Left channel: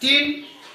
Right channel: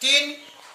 3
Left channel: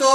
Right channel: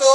2،